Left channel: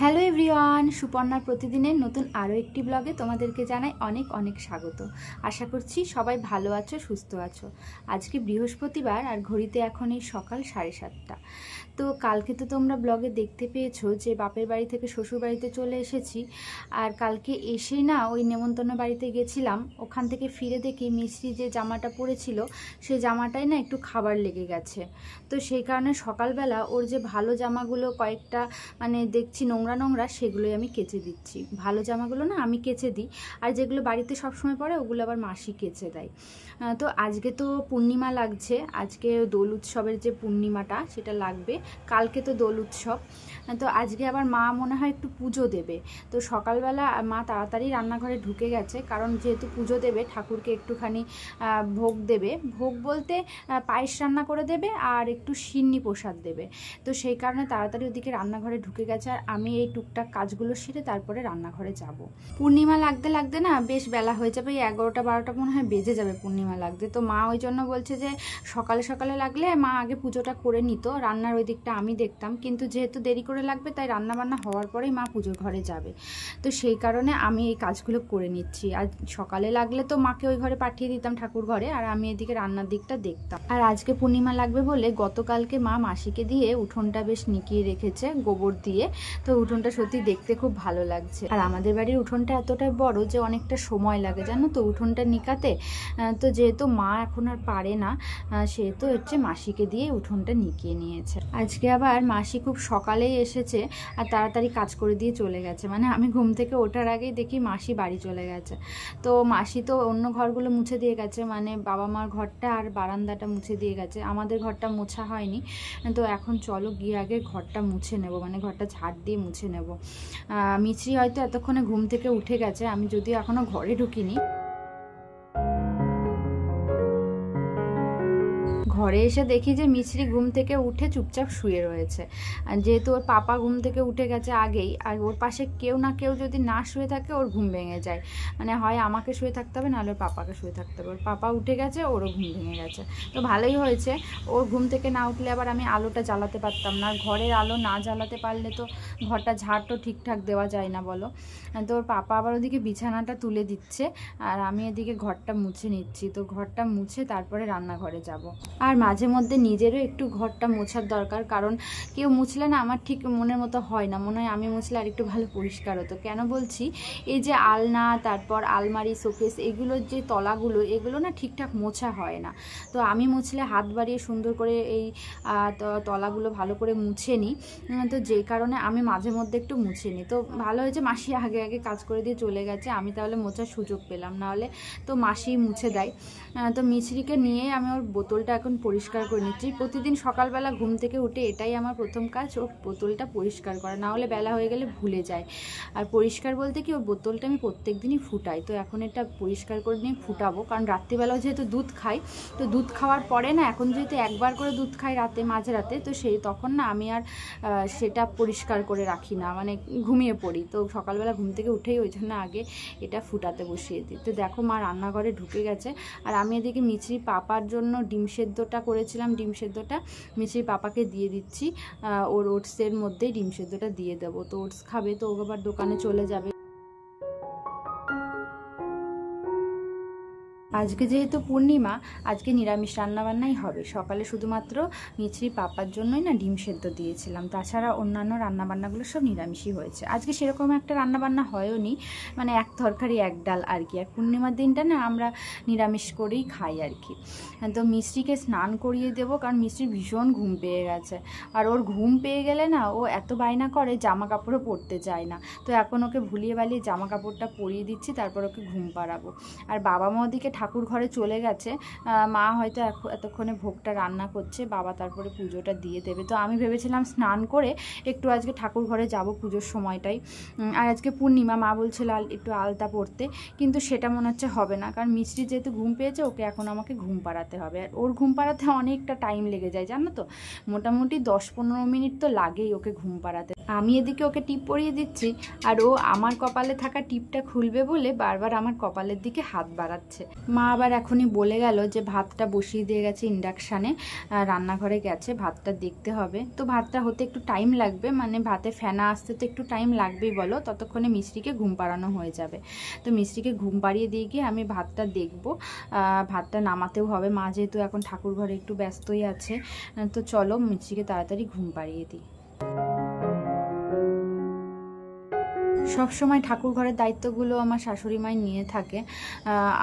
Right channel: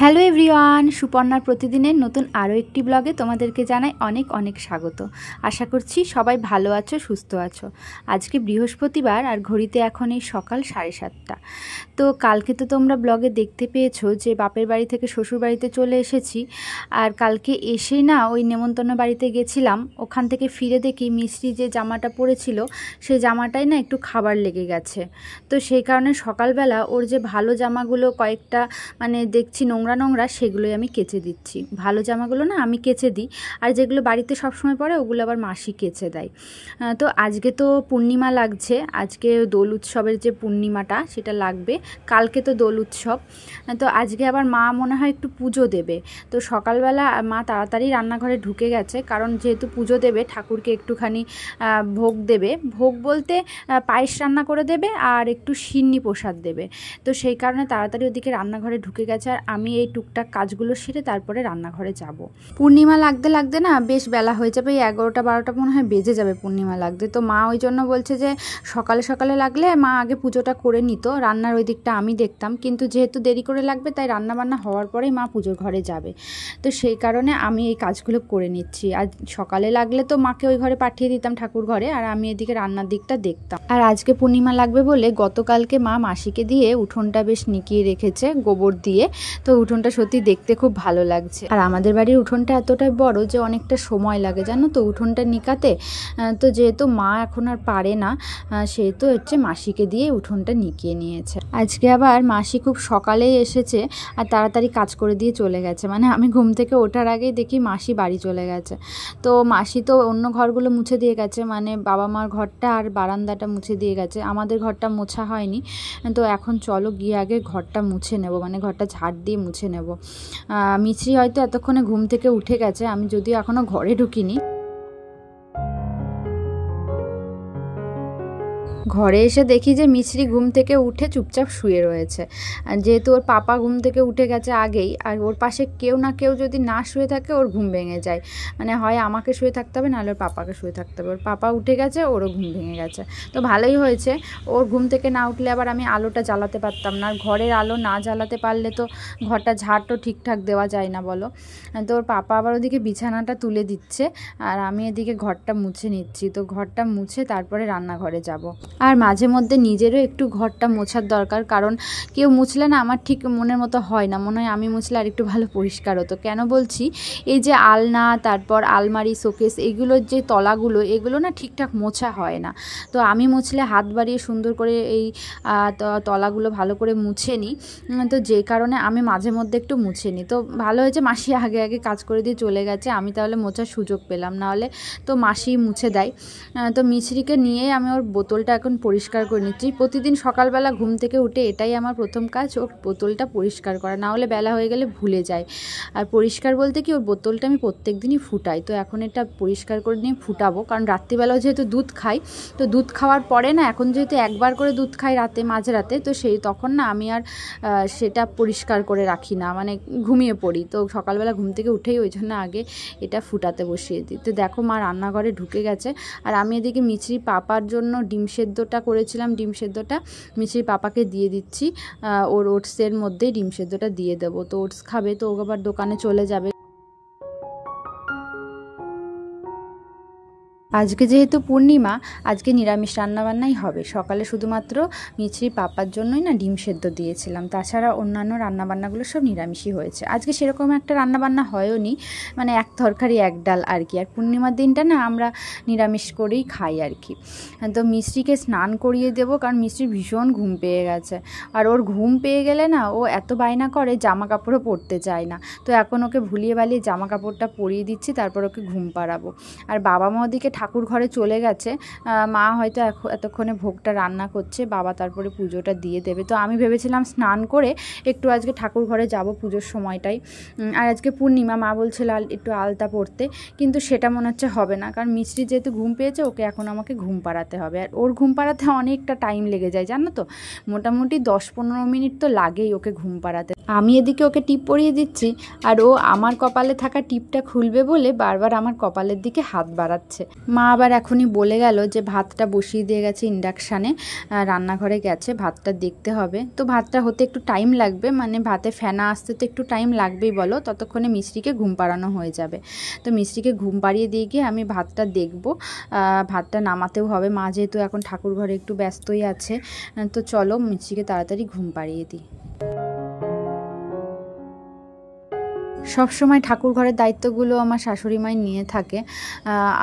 Hello everyone, সুপর্ণার প্রতিদিনের নতুন আরও একটি ব্লগে তোমাদেরকে জানাই অনেক অনেক স্বাগত। আশা করছি সবাই ভালো আছো, সুস্থ আছো। আজকে বৃহস্পতিবার আর ঘড়িতে এখন এই সকাল 7:30। তো কালকে তো তোমরা ব্লগে দেখতে পেয়েছো যে বাপের বাড়ি থেকে শ্বশুর বাড়িতে চলে এসেছি। আর কালকে এসেই না ওই নেমন্তন্ন বাড়িতে গেছিলাম, ওখান থেকে ফিরে দেখি মিষ্টি যে জামাটা পরেছিল সেই জামাটাই না একটু খাবার লেগে গেছে। তো সেই কারণে সকালবেলা ওর যে ভালো জামাগুলো কয়েকটা মানে দেখছি নোংরা নোংরা, সেগুলোই আমি কেচে দিচ্ছি। ভালো জামাগুলো না আমি কেচে দিই, আর যেগুলো বাড়িতে সবসময় পরে ওগুলো আবার মাসি কেচে দেয়। তো আজকে তো পূর্ণিমা লাগছে, আজকে দোল উৎসবের যে পূর্ণিমাটা সেটা লাগবে। কালকে তো দোল উৎসব, তো আজকে আবার মা মনে হয় একটু পুজো দেবে। তো সকালবেলা মা তাড়াতাড়ি রান্নাঘরে ঢুকে গেছে, কারণ যেহেতু পুজো দেবে ঠাকুরকে একটুখানি ভোগ দেবে। ভোগ বলতে পায়েস রান্না করে দেবে আর একটু সিন্নি প্রসাদ দেবে। তো সেই কারণে তাড়াতাড়ি ওদিকে রান্নাঘরে ঢুকে গেছে, আর আমি এই টুকটাক কাজগুলো সেরে তারপরে রান্নাঘরে যাব। পূর্ণিমা লাগতে লাগতে না বেশ বেলা হয়ে যাবে, এই 11টা-12টা মনে হয় বেজে যাবে পূর্ণিমা লাগতে। তো মা ওই জন্য বলছে যে সকালে সকালে লাগলে মা আগে পুজোটা করে নিত, রান্নার ওই দিকটা আমি দেখতাম, কিন্তু যেহেতু দেরি করে লাগবে তাই রান্নাবান্না হওয়ার পরেই মা পুজোর ঘরে যাবে। তো সেই কারণে আমি এই কাজগুলো করে নিচ্ছি। আর সকালে লাগলে তো মাকে ওই ঘরে পাঠিয়ে দিতাম ঠাকুর ঘরে, আর আমি এদিকে রান্নার দিকটা দেখতাম। আর আজকে পূর্ণিমা লাগবে বলে গতকালকে মা মাসিকে দিয়ে উঠোনটা বেশ নিকিয়ে রেখেছে গোবর দিয়ে। তো উঠোনটা সত্যি দেখতে খুব ভালো লাগছে। আর আমাদের বাড়ির উঠোনটা এতটাই বড় যে অনেকটা সময় লাগে জানো তো উঠোনটা নিকাতে। তো যেহেতু মা এখন আর পারে না, সেহেতু হচ্ছে মাসিকে দিয়ে উঠোনটা নিকিয়ে নিয়েছে। আজকে আবার মাসি খুব সকালেই এসেছে আর তাড়াতাড়ি কাজ করে দিয়ে চলে গেছে। মানে আমি ঘুম থেকে ওঠার আগেই দেখি মাসি বাড়ি চলে গেছে। তো মাসি তো অন্য ঘরগুলো মুছে দিয়ে গেছে, মানে বাবা মার ঘরটা আর বারান্দাটা মুছে দিয়ে গেছে, আমাদের ঘরটা মোছা হয়নি। তো এখন চলো গিয়ে আগে ঘরটা মুছে নেব, মানে ঘরটা ঝাড় দিয়ে মুছে নেব। মিছরি হয়তো এতক্ষণে ঘুম থেকে উঠে গেছে, আমি যদিও এখনও ঘরে ঢুকিনি। ঘরে এসে দেখি যে মিছরি ঘুম থেকে উঠে চুপচাপ শুয়ে রয়েছে। আর যেহেতু ওর পাপা ঘুম থেকে উঠে গেছে আগেই, আর ওর পাশে কেউ না কেউ যদি না শুয়ে থাকে ওর ঘুম ভেঙে যায়। মানে হয় আমাকে শুয়ে থাকতে হবে, নাহলে ওর পাপাকে শুয়ে থাকতে হবে। ওর পাপা উঠে গেছে, ওরও ঘুম ভেঙে গেছে। তো ভালোই হয়েছে, ওর ঘুম থেকে না উঠলে আবার আমি আলোটা জ্বালাতে পারতাম না। ঘরের আলো না জ্বালাতে পারলে তো ঘরটা ঝাড় তো ঠিকঠাক দেওয়া যায় না বলো। তো ওর পাপা আবার ওদিকে বিছানাটা তুলে দিচ্ছে, আর আমি এদিকে ঘরটা মুছে নিচ্ছি। তো ঘরটা মুছে তারপরে রান্নাঘরে যাব। আর মাঝে মধ্যে নিজেরও একটু ঘরটা মোছার দরকার, কারণ কেউ মুছলে না আমার ঠিক মনের মতো হয় না, মনে হয় আমি মুছলে আর একটু ভালো পরিষ্কার হতো। কেন বলছি, এই যে আলনা, তারপর আলমারি, শোকেস, এগুলোর যে তলাগুলো, এগুলো না ঠিকঠাক মোছা হয় না। তো আমি মুছলে হাত বাড়িয়ে সুন্দর করে এই তলাগুলো ভালো করে মুছে নিই। তো যে কারণে আমি মাঝে মধ্যে একটু মুছে নিই। তো ভালো হয়েছে মাসি আগে আগে কাজ করে দিয়ে চলে গেছে, আমি তাহলে মোছার সুযোগ পেলাম, নাহলে তো মাসি মুছে দেয়। তো মিছরিকে নিয়ে আমি ওর বোতলটা এখন পরিষ্কার করে নিচ্ছি। প্রতিদিন সকালবেলা ঘুম থেকে উঠে এটাই আমার প্রথম কাজ, ওর বোতলটা পরিষ্কার করা, না হলে বেলা হয়ে গেলে ভুলে যায়। আর পরিষ্কার বলতে কি, ওর বোতলটা আমি প্রত্যেক দিনই ফুটাই। তো এখন এটা পরিষ্কার করে নিয়ে ফুটাবো, কারণ রাত্রিবেলাও যেহেতু দুধ খাই, তো দুধ খাওয়ার পরে না, এখন যেহেতু একবার করে দুধ খাই রাতে, মাঝরাতে, তো সেই তখন না আমি আর সেটা পরিষ্কার করে রাখি না, মানে ঘুমিয়ে পড়ি। তো সকালবেলা ঘুম থেকে উঠেই ওই জন্য আগে এটা ফুটাতে বসিয়ে দিই। তো দেখো মা রান্নাঘরে ঢুকে গেছে, আর আমি এদিকে মিছরি পাপার জন্য ডিম সেদ্ধটা করেছিলাম, ডিম সেদ্ধটা মিছরি পাপাকে দিয়ে দিচ্ছি। ওর ওটসের মধ্যেই ডিম সেদ্ধটা দিয়ে দেবো, তো ওটস খাবে, তো ও আবার দোকানে চলে যাবে। আজকে যেহেতু পূর্ণিমা, আজকে নিরামিষ রান্নাবান্নাই হবে। সকালে শুধুমাত্র মিছরি পাপার জন্যই না ডিম সেদ্ধ দিয়েছিলাম, তাছাড়া অন্যান্য রান্নাবান্নাগুলো সব নিরামিষই হয়েছে। আজকে সেরকম একটা রান্নাবান্না হয়ও নি, মানে এক তরকারি এক ডাল আর কি। আর পূর্ণিমার দিনটা না আমরা নিরামিষ করেই খাই আর কি। তো মিছরিকে স্নান করিয়ে দেবো, কারণ মিছরি ভীষণ ঘুম পেয়ে গেছে। আর ওর ঘুম পেয়ে গেলে না ও এত বায়না করে, জামা কাপড়ও পরতে চায় না। তো এখন ওকে ভুলিয়ে বালিয়ে জামা কাপড়টা পরিয়ে দিচ্ছি, তারপর ওকে ঘুম পাড়াবো। আর বাবা মা ওদিকে ঠাকুর ঘরে চলে গেছে, মা হয়তো এতক্ষণে ভোগটা রান্না করছে, বাবা তারপরে পুজোটা দিয়ে দেবে। তো আমি ভেবেছিলাম স্নান করে একটু আজকে ঠাকুর ঘরে যাব পুজোর সময়টাই। আর আজকে পূর্ণিমা, মা বলছিল একটু আলতা পরতে, কিন্তু সেটা মনে হচ্ছে হবে না, কারণ মিছরি যেহেতু ঘুম পেয়েছে, ওকে এখন আমাকে ঘুম পাড়াতে হবে। আর ওর ঘুম পাড়াতে অনেকটা টাইম লেগে যায় জানো তো, মোটামুটি 10-15 মিনিট তো লাগেই ওকে ঘুম পাড়াতে। আমি এদিকে ওকে টিপ পরিয়ে দিচ্ছি, আর ও আমার কপালে থাকা টিপটা খুলবে বলে বারবার আমার কপালের দিকে হাত বাড়াচ্ছে। মা আবার এখনই বলে গেল যে ভাতটা বসিয়ে দিয়ে গেছে ইন্ডাকশানে, রান্নাঘরে গেছে, ভাতটা দেখতে হবে। তো ভাতটা হতে একটু টাইম লাগবে, মানে ভাতে ফেনা আসতে তো একটু টাইম লাগবেই বলো, ততক্ষণে মিষ্টিকে ঘুম পাড়ানো হয়ে যাবে। তো মিষ্টিকে ঘুম পাড়িয়ে দিয়ে গিয়ে আমি ভাতটা দেখব, ভাতটা নামাতেও হবে। মা যেহেতু এখন ঠাকুর ঘরে একটু ব্যস্তই আছে, তো চলো মিষ্টিকে তাড়াতাড়ি ঘুম পাড়িয়ে দিই। সব সময় ঠাকুর ঘরের দায়িত্বগুলো আমার শাশুড়ি মাই নিয়ে থাকে,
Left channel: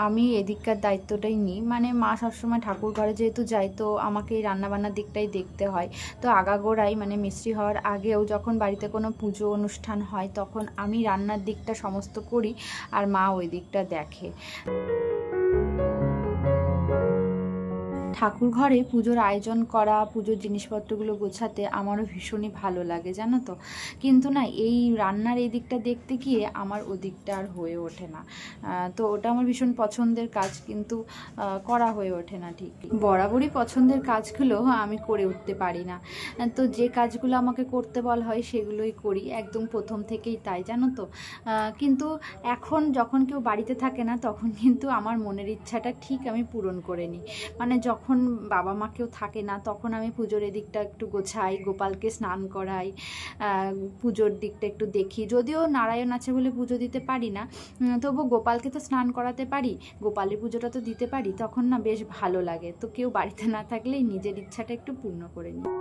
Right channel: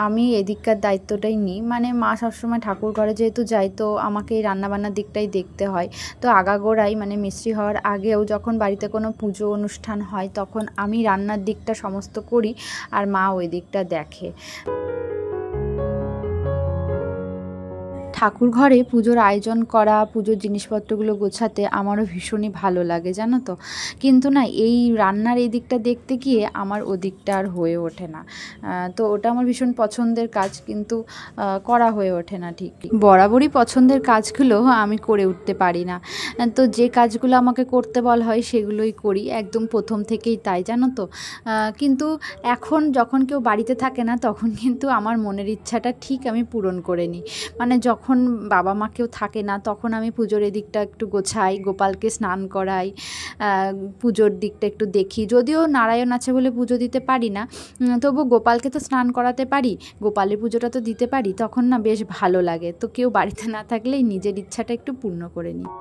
আমি এদিককার দায়িত্বটাই নিই। মানে মা সবসময় ঠাকুর ঘরে যেহেতু যাই, তো আমাকে এই রান্নাবান্নার দিকটাই দেখতে হয়। তো আগাগোড়াই মানে মিষ্টি হওয়ার আগেও যখন বাড়িতে কোনো পুজো অনুষ্ঠান হয়, তখন আমি রান্নার দিকটা সমস্ত করি আর মা ওই দিকটা দেখে। ঠাকুর ঘরে পুজোর আয়োজন করা, পুজোর জিনিসপত্রগুলো গোছাতে আমারও ভীষণই ভালো লাগে জানো তো। কিন্তু না, এই রান্নার এই দিকটা দেখতে গিয়ে আমার ওদিকটা আর হয়ে ওঠে না। তো ওটা আমার ভীষণ পছন্দের কাজ, কিন্তু করা হয়ে ওঠে না ঠিক। বরাবরই পছন্দের কাজগুলো আমি করে উঠতে পারি না। তো যে কাজগুলো আমাকে করতে বলা হয় সেগুলোই করি, একদম প্রথম থেকেই তাই জানো তো। কিন্তু এখন যখন কেউ বাড়িতে থাকে না, তখন কিন্তু আমার মনের ইচ্ছাটা ঠিক আমি পূরণ করে নিই। মানে যখন বাবা মা কেউ থাকে না, তখন আমি পুজোর এদিকটা একটু গোছাই, গোপালকে স্নান করাই, পুজোর দিকটা একটু দেখি। যদিও নারায়ণ আছে বলে পুজো দিতে পারি না, তবু গোপালকে তো স্নান করাতে পারি, গোপালের পুজোটা তো দিতে পারি, তখন না বেশ ভালো লাগে। তো কেউ বাড়িতে না থাকলেই নিজের ইচ্ছাটা একটু পূর্ণ করে নিই।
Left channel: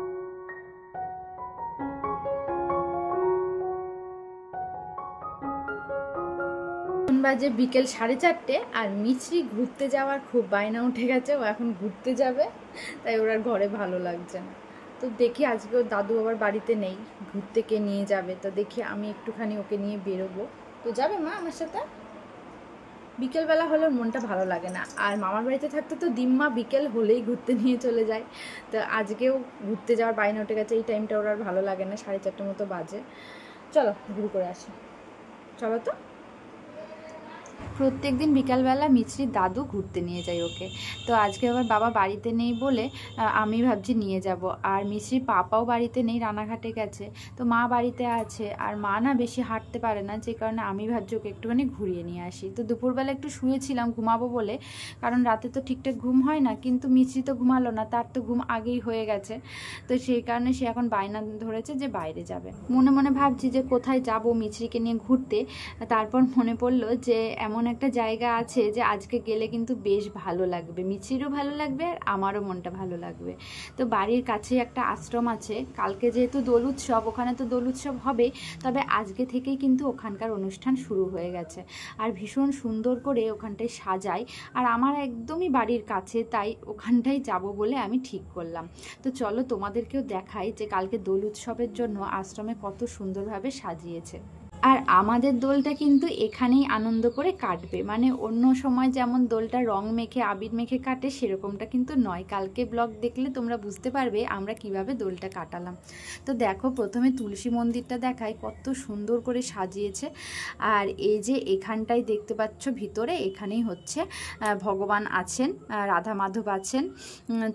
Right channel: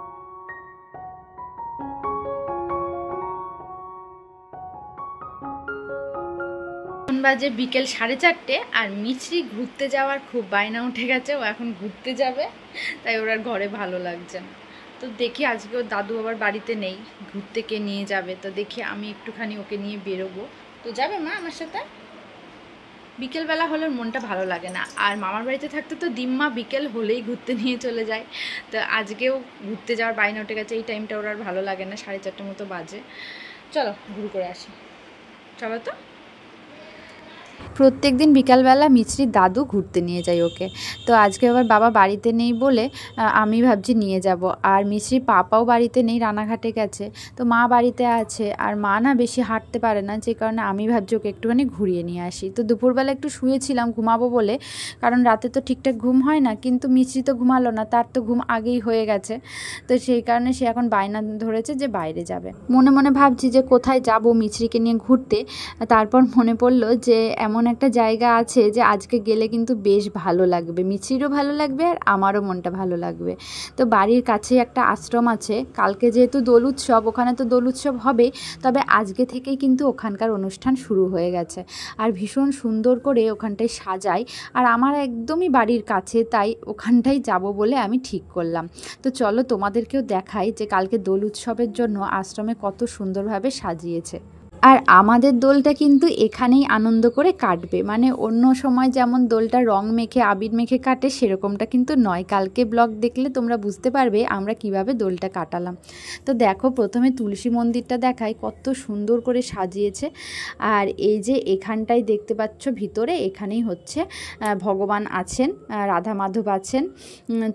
বাজে বিকেল 4:30, আর মিছরি ঘুরতে যাওয়ার খুব বায়না উঠে গেছে, ও এখন ঘুরতে যাবে, তাই ওর আর ঘরে ভালো লাগছে না। তো দেখি আজকে ওর দাদু আবার বাড়িতে নেই, ঘুরতে কে নিয়ে যাবে, তো দেখি আমি একটুখানি ওকে নিয়ে বেরোবো। তো যাবে মা আমার সাথে? বিকেলবেলা হলে মনটা ভালো লাগে না, আর মামার বাড়িতে থাকতে তো দিম্মা বিকেল হলেই ঘুরতে নিয়ে চলে যায়। তো আজকেও ঘুরতে যাওয়ার বায়না উঠে গেছে, এই টাইমটা ওর আর ভালো লাগে না, 4:30 মতো বাজে। চলো ঘুরে করে আসি, চলো তো। প্রত্যেক দিন বিকালবেলা মিছরির দাদু ঘুরতে নিয়ে যায় ওকে। তো আজকে আবার বাবা বাড়িতে নেই বলে আমি ভাবছি নিয়ে যাব। আর মিছরির পাপাও বাড়িতে নেই, রানাঘাটে গেছে। তো মা বাড়িতে আছে, আর মা না বেশি হাঁটতে পারে না, যে কারণে আমি ভাবছি ওকে একটুখানি ঘুরিয়ে নিয়ে আসি। তো দুপুরবেলা একটু শুয়েছিলাম ঘুমাবো বলে, কারণ রাতে তো ঠিকঠাক ঘুম হয় না। কিন্তু মিছরি তো ঘুমালো না, তার তো ঘুম আগেই হয়ে গেছে। তো সেই কারণে সে এখন বায়না ধরেছে যে বাইরে যাবে। মনে মনে ভাবছি যে কোথায় যাব মিছরিকে নিয়ে ঘুরতে। তারপর মনে পড়লো যে এমন একটা জায়গা আছে যে আজকে গেলে কিন্তু বেশ ভালো লাগবে, মিছরিরও ভালো লাগবে আর আমারও মনটা ভালো লাগবে। তো বাড়ির কাছে একটা আশ্রম আছে, কালকে যেহেতু দোল উৎসব, ওখানে তো দোল উৎসব হবে, তবে আজকে থেকেই কিন্তু ওখানকার অনুষ্ঠান শুরু হয়ে গেছে। আর ভীষণ সুন্দর করে ওখানটায় সাজায়, আর আমার একদমই বাড়ির কাছে, তাই ওখানটাই যাব বলে আমি ঠিক করলাম। তো চলো তোমাদেরকেও দেখাই যে কালকে দোল উৎসবের জন্য আশ্রমে কত সুন্দরভাবে সাজিয়েছে। আর আমাদের দোলটা কিন্তু এখানেই আনন্দ করে কাটবে, মানে অন্য সময় যেমন দোলটা রং মেখে আবির মেখে কাটে, সেরকমটা কিন্তু নয়। কালকে ব্লগ দেখলে তোমরা বুঝতে পারবে আমরা কিভাবে দোলটা কাটালাম। তো দেখো, প্রথমে তুলসী মন্দিরটা দেখায়, কত সুন্দর করে সাজিয়েছে। আর এই যে এখানটাই দেখতে পাচ্ছ ভিতরে, এখানেই হচ্ছে ভগবান আছেন, রাধা মাধব আছেন।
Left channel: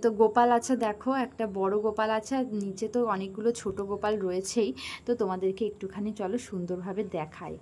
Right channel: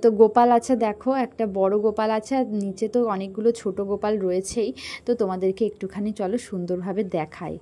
তো গোপাল আছে, দেখো একটা বড় গোপাল আছে, আর নিচে তো অনেকগুলো ছোট গোপাল রয়েছেই। তো তোমাদেরকে একটুখানি চলো সুন্দরভাবে দেখাই।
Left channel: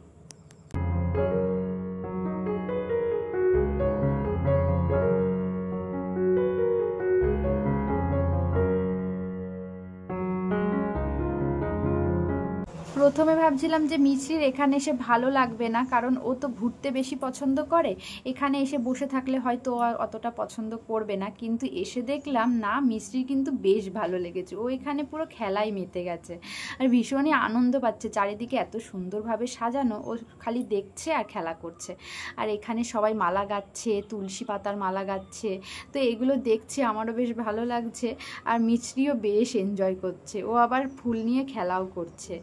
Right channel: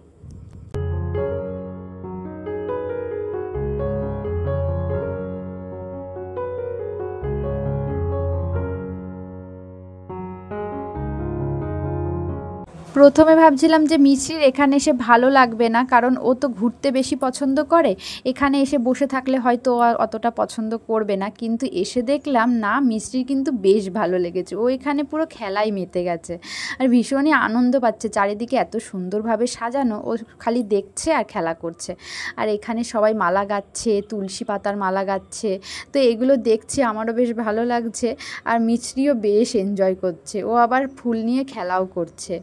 প্রথমে ভাবছিলাম যে মিছরির এখানে এসে ভালো লাগবে না, কারণ ও তো ঘুরতে বেশি পছন্দ করে, এখানে এসে বসে থাকলে হয়তো অতটা পছন্দ করবে না। কিন্তু এসে দেখলাম না, মিছরির কিন্তু বেশ ভালো লেগেছে, ও এখানে পুরো খেলায় মেতে গেছে আর ভীষণই আনন্দ পাচ্ছে। চারিদিকে এত সুন্দরভাবে সাজানো, ও খালি দেখছে আর খেলা করছে। আর এখানে সবাই মালা গাচ্ছে, তুলসী পাতার মালা গাচ্ছে, তো এগুলো দেখছি আমারও বেশ ভালো লাগছে। আর মিছরিও বেশ এনজয় করছে, ও আবার ফুল নিয়ে খেলাও করছে।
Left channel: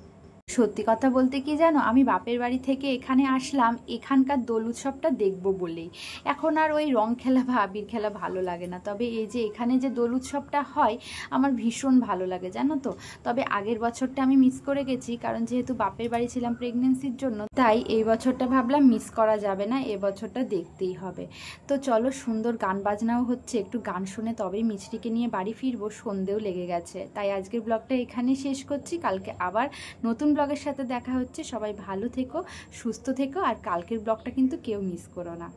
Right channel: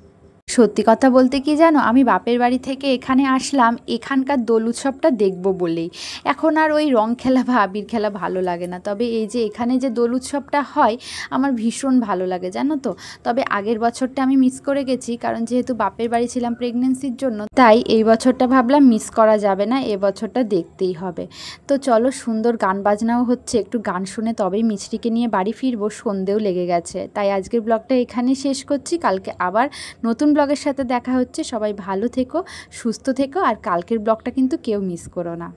সত্যি কথা বলতে কি জানো, আমি বাপের বাড়ি থেকে এখানে আসলাম এখানকার দোল উৎসবটা দেখব বলেই। এখন আর ওই রং খেলা বা আবির খেলা ভালো লাগে না। তবে এই যে এখানে যে দোল উৎসবটা হয় আমার ভীষণ ভালো লাগে জানো তো। তবে আগের বছরটা আমি মিস করে গেছি, কারণ যেহেতু বাপের বাড়ি ছিলাম প্রেগনেন্সির জন্য, তাই এই বছরটা ভাবলাম মিস করা যাবে না, এ বছরটা দেখতেই হবে। তো চলো, সুন্দর গান বাজনাও হচ্ছে, একটু গান শুনে তবেই মিছরিকে নিয়ে বাড়ি ফিরবো, সন্ধেও লেগে গেছে। তাই আজকের ব্লগটা এখানেই শেষ করছি, কালকে আবার নতুন ব্লগের সাথে দেখা হচ্ছে। সবাই ভালো থেকো, সুস্থ থেকো, আর কালকের ব্লগটা কিন্তু কেউ মিস করো না।